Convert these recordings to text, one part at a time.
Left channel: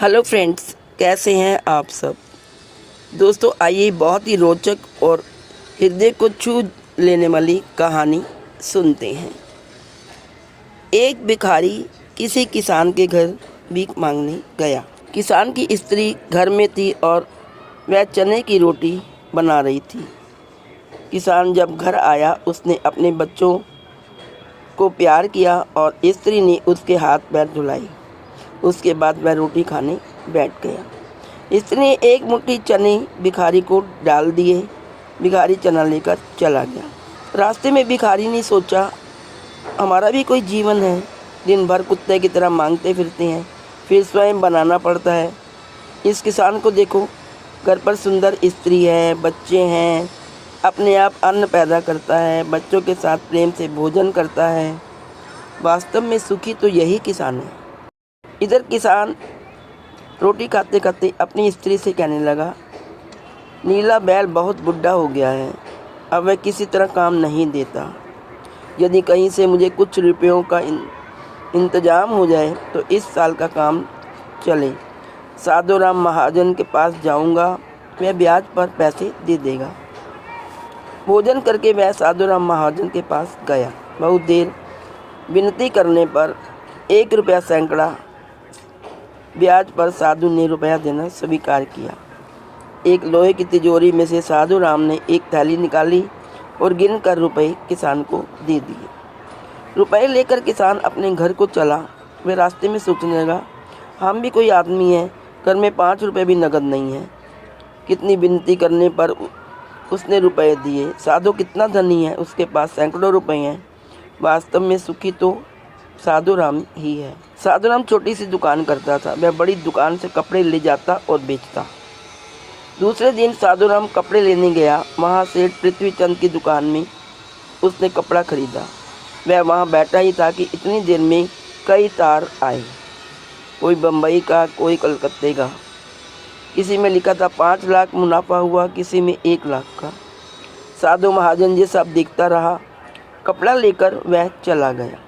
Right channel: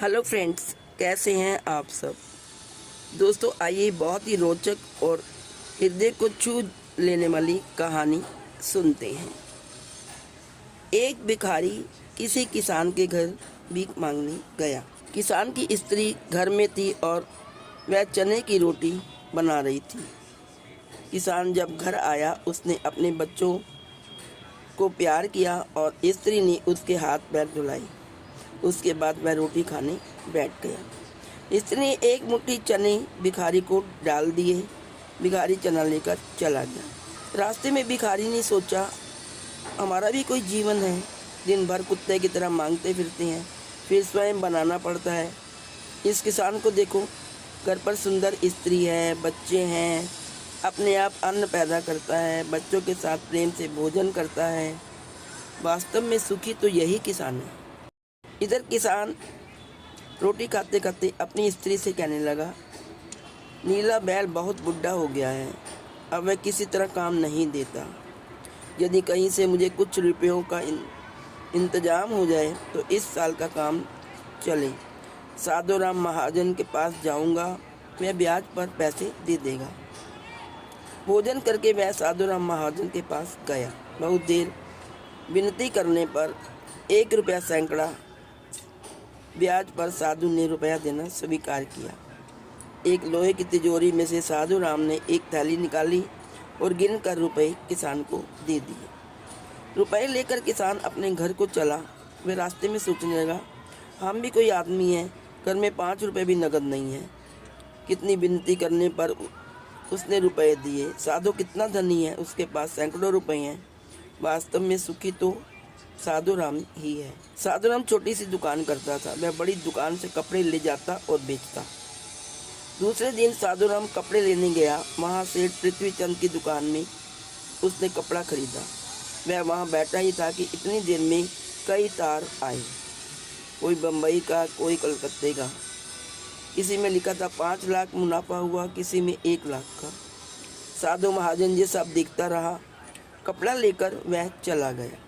Hello friends, कैसे हैं आप सब। दोस्तों आइए बहुत ही रोचक और हृदय को छू लेने वाली कहानी सुनते हैं। एक भिखारी किसी किसान के घर भीख मांगने गया। किसान की स्त्री घर में थी और वह चने की रोटी बना रही थी। किसान जब घर आया उसने अपने बच्चों को प्यार किया और स्त्री ने उसके हाथ पैर धुलाई। उसके बाद वह रोटी खाने बैठ गया। स्त्री ने एक मुट्ठी चने भिखारी को डाल दिए। भिखारी चना लेकर चला गया। रास्ते में भिखारी ने सोचा, हमारा भी कोई जीवन है। दिन भर कुत्ते की तरह मांगते फिरते हैं, फिर स्वयं बनाना पड़ता है। इस किसान को देखो, घर पर सुंदर स्त्री है, बच्चे हैं, अपने आप अन्न पैदा करता है, बच्चों के साथ प्रेम से भोजन करता है। वास्तव में सुखी तो यही किसान है। इधर किसान रोटी खाते खाते अपनी स्त्री से कहने लगा, नीला बैल बहुत बुढ़ा हो गया है, अब वह किसी तरह काम नहीं देता। यदि कहीं से मुझे कुछ रुपयों का इंतजाम हो जाए तो इस साल का काम चले। साधुराम महाजन के पास जाऊंगा, वह ब्याज पर पैसे दे देगा। भोजन करके वह साधुराम महाजन के पास गया। बहुत देर विनती करने पर 1 रुपया सैकड़ा ब्याज पर साधु ने रुपया देना स्वीकार किया। एक लोहे की तिजोरी में से साधु राम ने एक थैली निकाली और गिनकर रुपए किसान को दे दिए। रुपए लेकर किसान अपने घर को चला। वह रास्ते में सोचने लगा, हम भी कोई आदमी हैं, घर में 5 रुपये भी नगद नहीं है। कितनी विनती करने पर उसने रुपए दिए। साधु कितना धनी है, उसके पास सैकड़ों रुपए हैं। वास्तव में सुखी तो साधु राम ही है। साधु राम छोटी सी दुकान करता था। वह बड़ी दुकान से कपड़े ले जाता और बेचता। दूसरे दिन साधु राम कपड़े लेने गया। वहाँ सेठ पृथ्वीचंद की दुकान में उसने कपड़ा खरीदा। वह वहाँ बैठा ही था कि इतनी देर में कई तार आए, कोई बम्बई का, कोई कलकत्ते का। किसी में लिखा था 5 लाख मुनाफा हुआ, किसी में 1 लाख का। साधु महाजन ये सब देखता रहा। कपड़ा लेकर वह चला गया।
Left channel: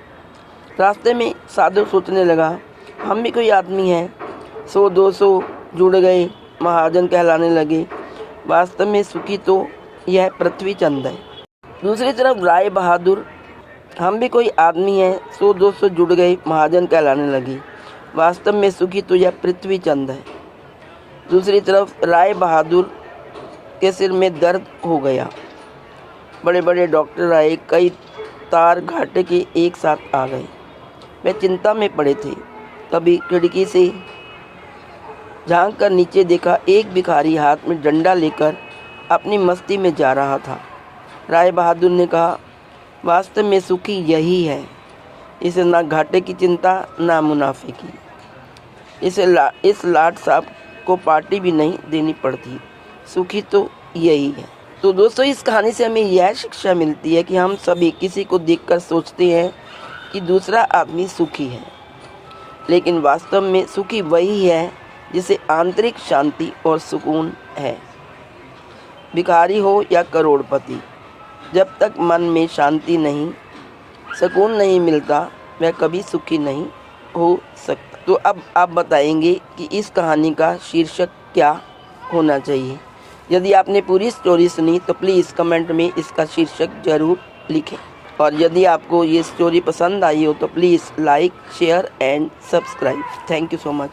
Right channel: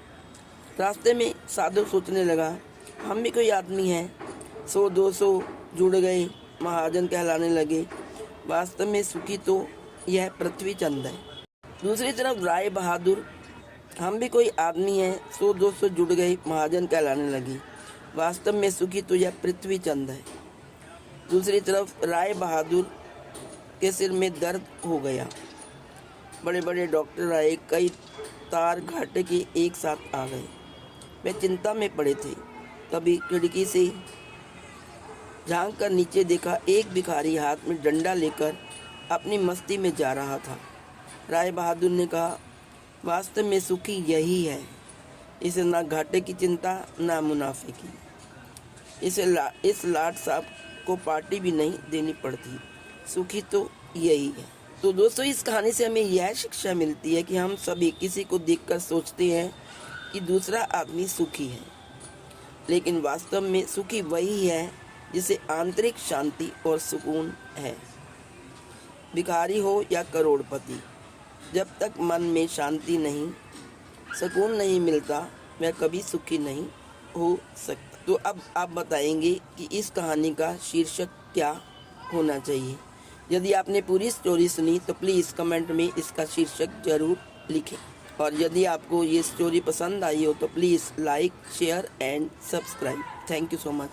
रास्ते में साधु सोचने लगा, हम भी कोई आदमी हैं, 100-200 जुड़ गए, महाजन कहलाने लगे। वास्तव में सुखी तो यह पृथ्वीचंद है। दूसरी तरफ राय बहादुर, हम भी कोई आदमी हैं, 100-200 जुड़ गए, महाजन कहलाने लगे। वास्तव में सुखी तो यह पृथ्वीचंद है। दूसरी तरफ राय बहादुर के सिर में दर्द हो गया। बड़े बड़े डॉक्टर आए, कई तार घाटे के एक साथ आ गए। वे चिंता में पड़े थे। तभी खिड़की से झांक कर नीचे देखा, एक भिखारी हाथ में डंडा लेकर अपनी मस्ती में जा रहा था। राय बहादुर ने कहा, वास्तव में सुखी यही है। इसे ना घाटे की चिंता, ना मुनाफे की। इस लाट साहब को पार्टी भी नहीं देनी पड़ती। सुखी तो यही है। तो दोस्तों, इस कहानी से हमें यह शिक्षा मिलती है कि हम सभी किसी को देखकर सोचते हैं कि दूसरा आदमी सुखी है, लेकिन वास्तव में सुखी वही है जिसे आंतरिक शांति और सुकून है। भिखारी हो या करोड़पति, जब तक मन में शांति नहीं, सुकून नहीं मिलता, वह कभी सुखी नहीं हो सकता। तो अब आप बताएंगे कि इस कहानी का शीर्षक क्या होना चाहिए। यदि आपने पूरी स्टोरी सुनी तो प्लीज़ कमेंट में इसका शीर्षक ज़रूर लिखें। और यदि आपको ये स्टोरी पसंद आई हो तो please like, share and subscribe. Thank you so much.